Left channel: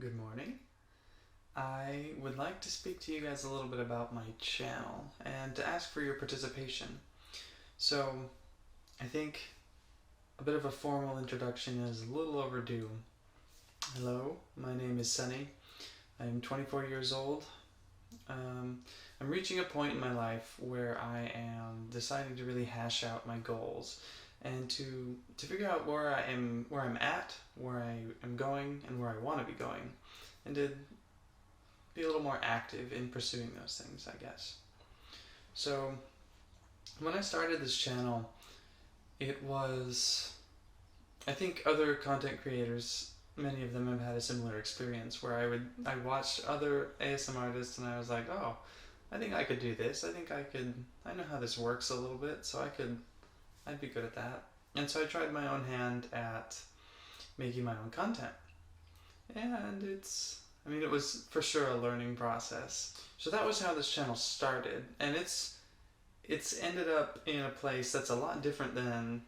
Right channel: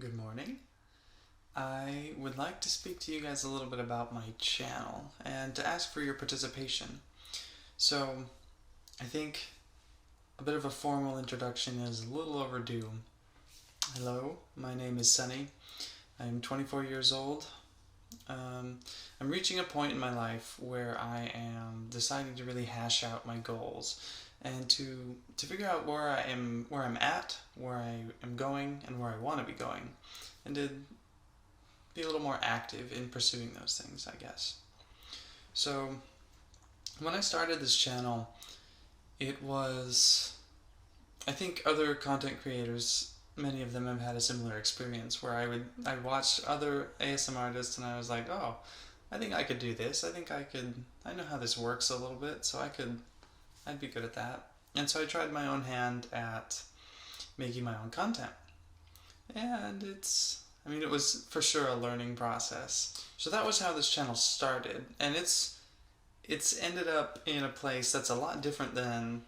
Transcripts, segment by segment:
Good morning. I would like to speak to you guys a little bit about my channel and to ask for your participation. So, I think a bit of a formal introduction is a little overdue. Hello, my name is Sunny. I'm 24 years old. I'm reaching a point in my life where I am deciding to really hash out my goals and to figure out where I'm at, where I am going, and where I want to be going, and to be a little more active in pursuing those things, I guess. So, when I started this channel, it was, I think other content creators, many of them have had a similar experience where I watched other ASMR artists and I was like, oh, I think I could do this. I know how this works a little bit, so I'd be good at that. And so I tried my own hand at making my own content. And it was for sure a learning process. So that was how this channel started. And it's ended up in a place that's a lot different than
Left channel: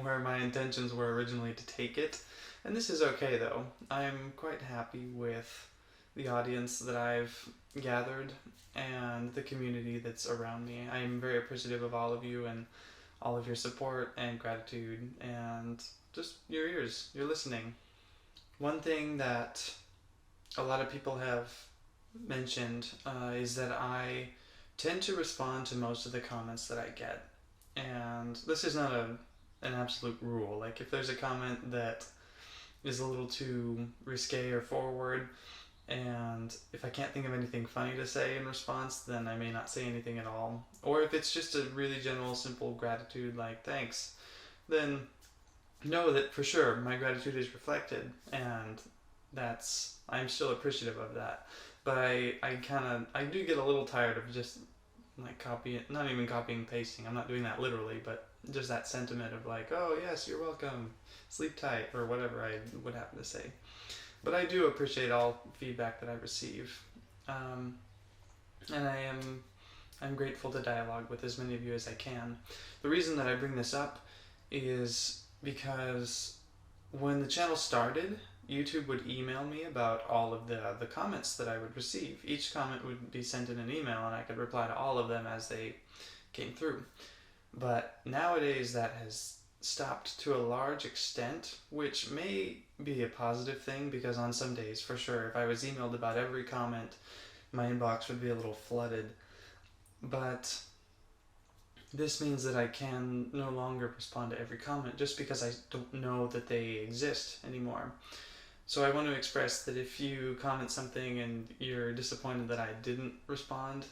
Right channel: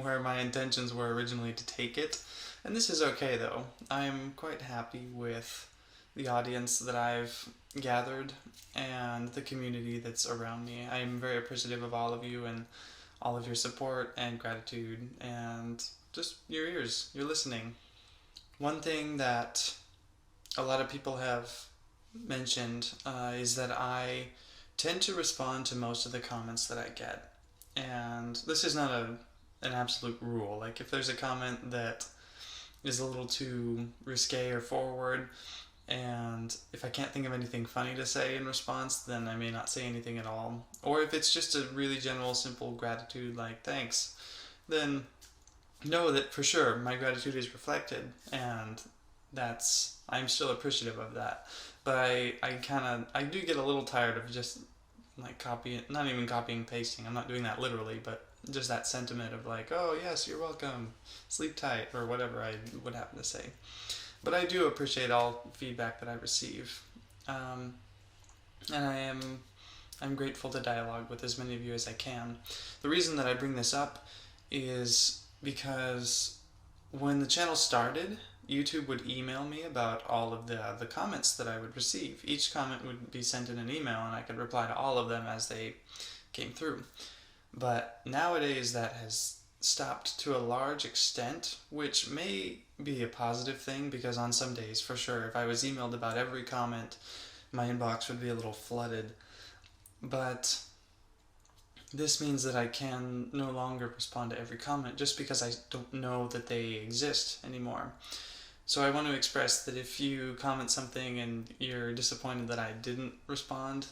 where my intentions were originally to take it. And this is okay though. I'm quite happy with the audience that I've gathered and the community that's around me. I'm very appreciative of all of you and all of your support and gratitude and just your ears, your listening. One thing that a lot of people have mentioned is that I tend to respond to most of the comments that I get. And this is not an absolute rule. Like, if there's a comment that is a little too risque or forward, and if I can't think of anything funny to say in response, then I may not say anything at all. Or if it's just a really general, simple gratitude, like thanks, then know that for sure my gratitude is reflected, and I'm still appreciative of that. But I do get a little tired of just like copying, not even copying and pasting. I'm not doing that literally, but just that sentiment of like, oh yes, you're welcome, sleep tight, or whatever I would happen to say. But I do appreciate all feedback that I receive, and I'm grateful to dialogue with as many of you as I can. The reason that I bring this up is because when the channel started, YouTube would email me about all of the comments that I would receive. Each comment would be sent in an email and I could reply to all of them as they came through. But nowadays that has stopped to a large extent, which may be a positive thing because on some days, for sure, if I was emailed about every comment, my inbox would be a little flooded. But this means that I can no longer respond to every comment just because I don't know that they exist anymore. So I want to express that if you comment something and you're disappointed that I didn't respond,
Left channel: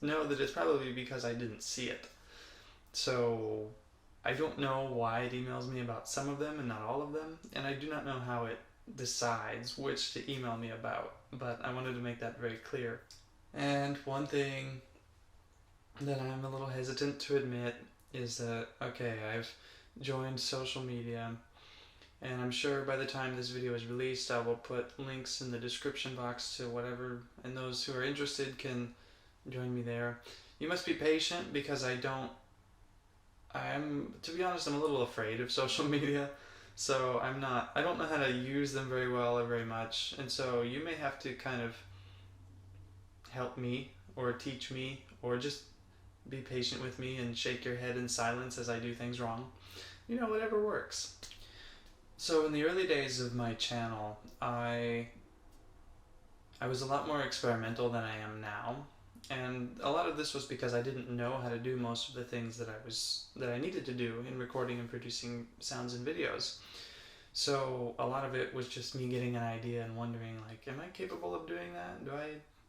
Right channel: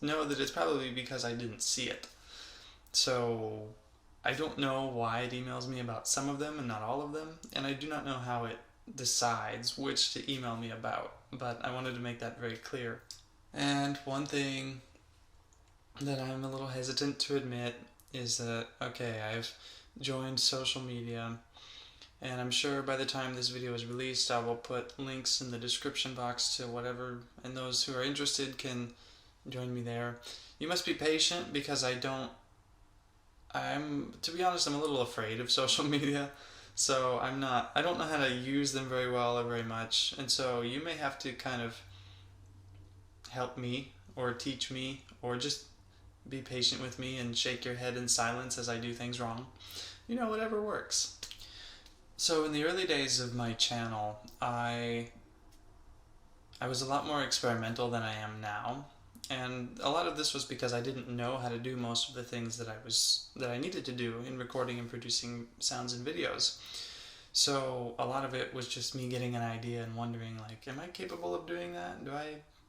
know that it's probably because I didn't see it. So I don't know why it emails me about some of them and not all of them, and I do not know how it decides which to email me about, but I wanted to make that very clear. And one thing that I'm a little hesitant to admit is that, okay, I've joined social media, and I'm sure by the time this video is released I will put links in the description box to whatever, and those who are interested can join me there. You must be patient because to be honest, I'm a little afraid of social media, so I don't know how to use them very well or very much, and so you may have to kind of help me or teach me or just be patient with me and shake your head in silence as I do things wrong. Whatever works. So in the early days of my channel, I was a lot more experimental than I am now. And a lot of this was because I didn't know how to do most of the things that I needed to do in recording and producing sounds and videos. So a lot of it was just me getting an idea and wondering, like, am I capable of doing that?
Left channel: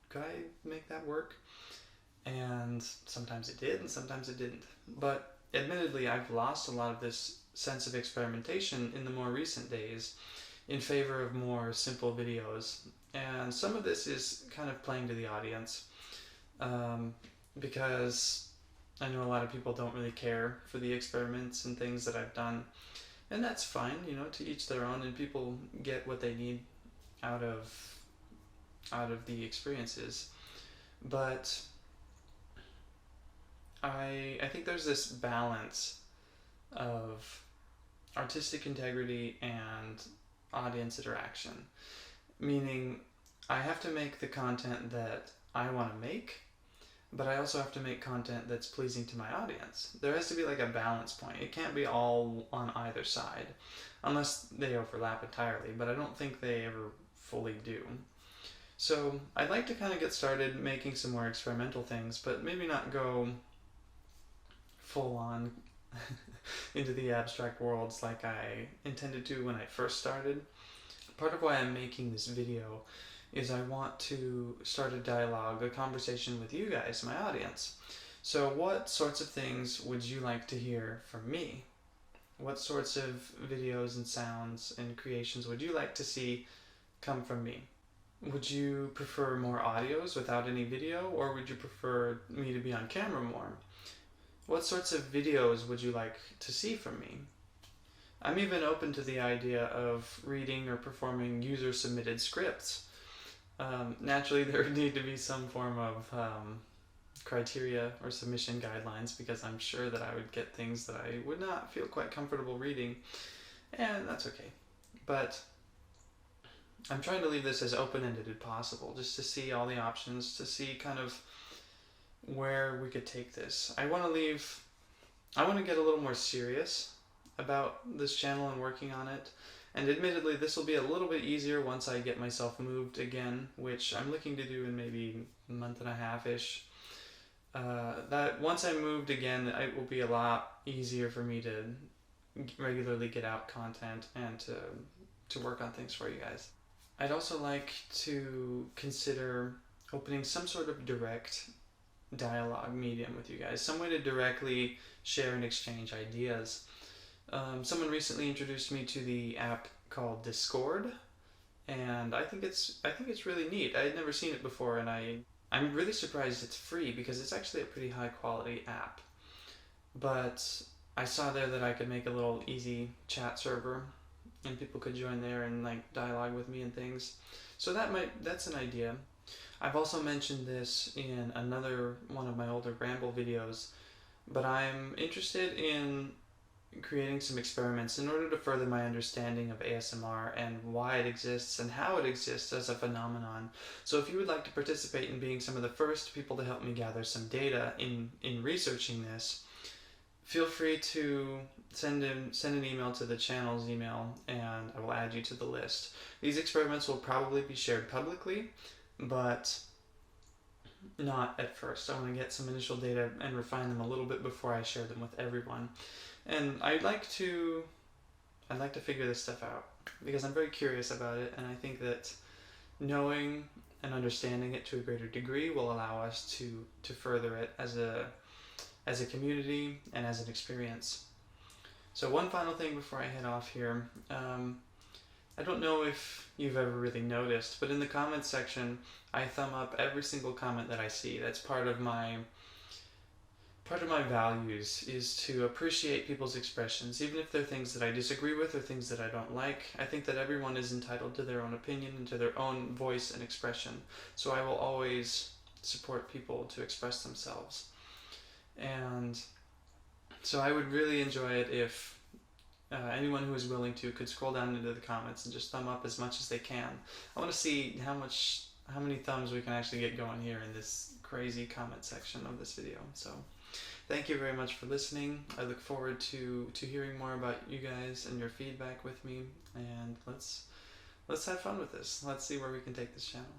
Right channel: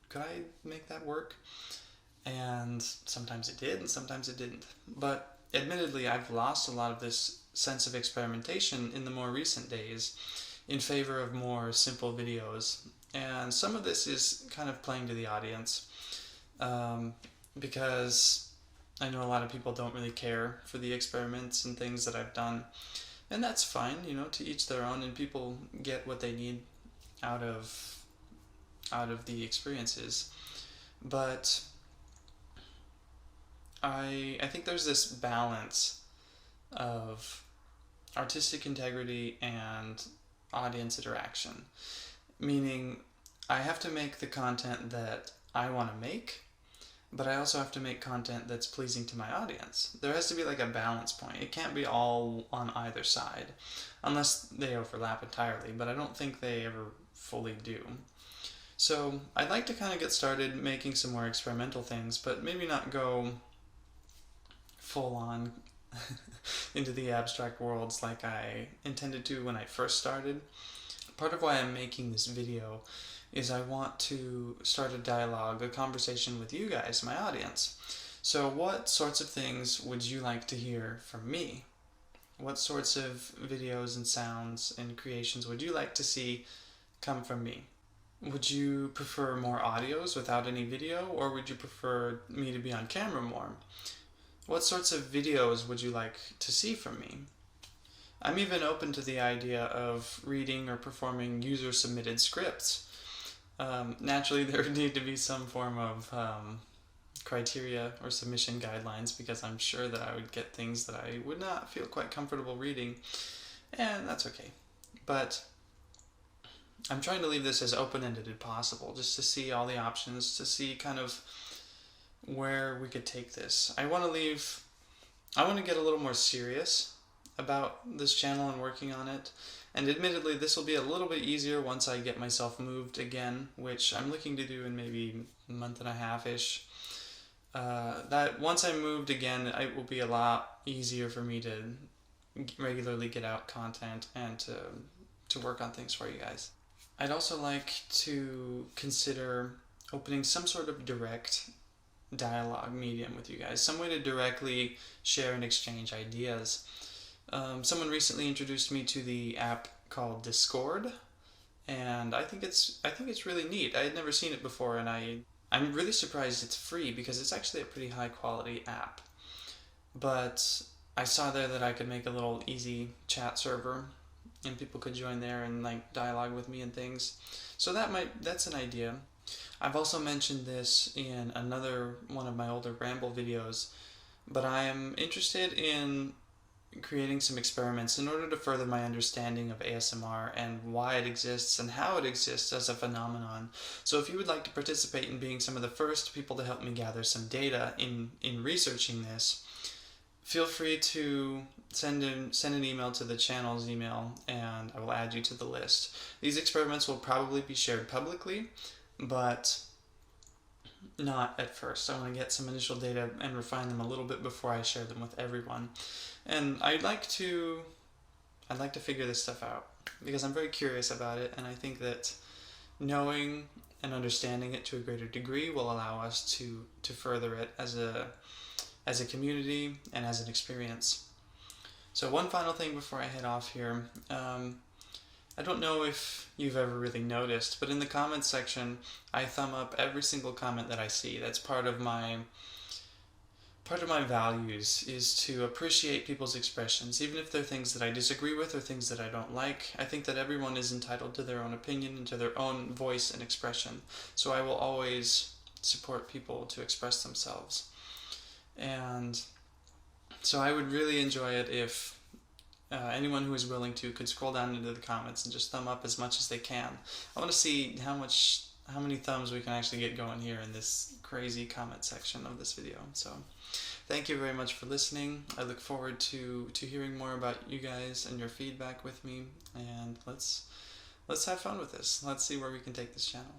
Could I make that work? And sometimes it did and sometimes it didn't. But admittedly, I've lost a lot of this sense of experimentation in the more recent days in favor of more simple videos. And some of this is kind of playing to the audience. Because I know a lot of people don't really care for the experiments and things that I've done, and that's fine, to each their own, and people get what they need out of the experiences. But I think there's this balance of artistic integrity and audience interaction. meaning I have to make the content that I want to make, but I also have to make content that's pleasing to my audience. There has to be like a balance point. It can't be all on either side, unless they overlap entirely, but I don't think they ever fully do. So I'd like to kind of get started making some more experimental things, but maybe not go full on into the abstract worlds like I intended to when I first started. Part of why I'm making this video is I want to start a dialogue, a conversation with you guys, my audience. So what sorts of things would you like to hear from me? What sorts of videos and sounds and creations would you like to see come from me? Would you prefer more audios without any video, or would you prefer me to be on camera more? What sorts of videos would you like to see from me? I'm even open to the idea of reading or performing user-submitted scripts. Naturally, there would need to be some form of criteria or submission guidelines, because I'm sure that I would get things that I would not feel quite comfortable reading, and that's okay. But I'm trying to leave this as open-ended as possible, just to see all the options, to see kind of where we could take this. I want to get a little more serious about this channel and working on it. And admittedly, this will be a little bit easier once I get myself moved again, which I'm looking to do in maybe a month and a half-ish. That once I'm moved again, it will be a lot easier for me to regularly get out content and to work on things for you guys. I'd also like to consider opening some sort of direct dialogue medium with you guys, some way to directly share and exchange ideas. Someone recently introduced me to the app called Discord, and I think it's really neat. I had never seen it before, and I'm really surprised it's free, because it's actually a pretty high quality app. But I saw there that I could make a little easy chat server, and people could join there and like dialogue with me and things. So that's an idea. I've also mentioned this in another one of my older ramble videos, but I'm interested in creating some experiments in order to further my understanding of ASMR and why it exists and how it exists as a phenomenon. So if you would like to participate in being some of the first people to help me gather some data in researching this, feel free to send an email to the channel's email, and I will add you to the list. These experiments will probably be shared publicly, but not at first. I want to get some initial data and refine them a little bit before I share them with everyone. And I'd like to figure this stuff out, because I'm very curious about it, and I think that knowing and understanding it to a greater degree will allow us to further it as a community and as an experience. So one final thing before I head off here. I don't know if you've ever really noticed, but in the comments section, I thumb up every single comment that I see. That's part of my values, is to appreciate people's expressions, even if they're things that I disagree with or things that I don't like. I think that everyone is entitled to their own opinion and to their own voice and expression. So I will always support people to express themselves. And so I would really enjoy it if anyone who is willing to could scroll down into the comments and just thumb up as much as they can. I want to see how many thumbs we can actually get going here in this crazy comment section of this video. So thank you very much for listening. I look forward to hearing more about you guys and your feedback with me, and let's have fun with this. Let's see where we can take this channel.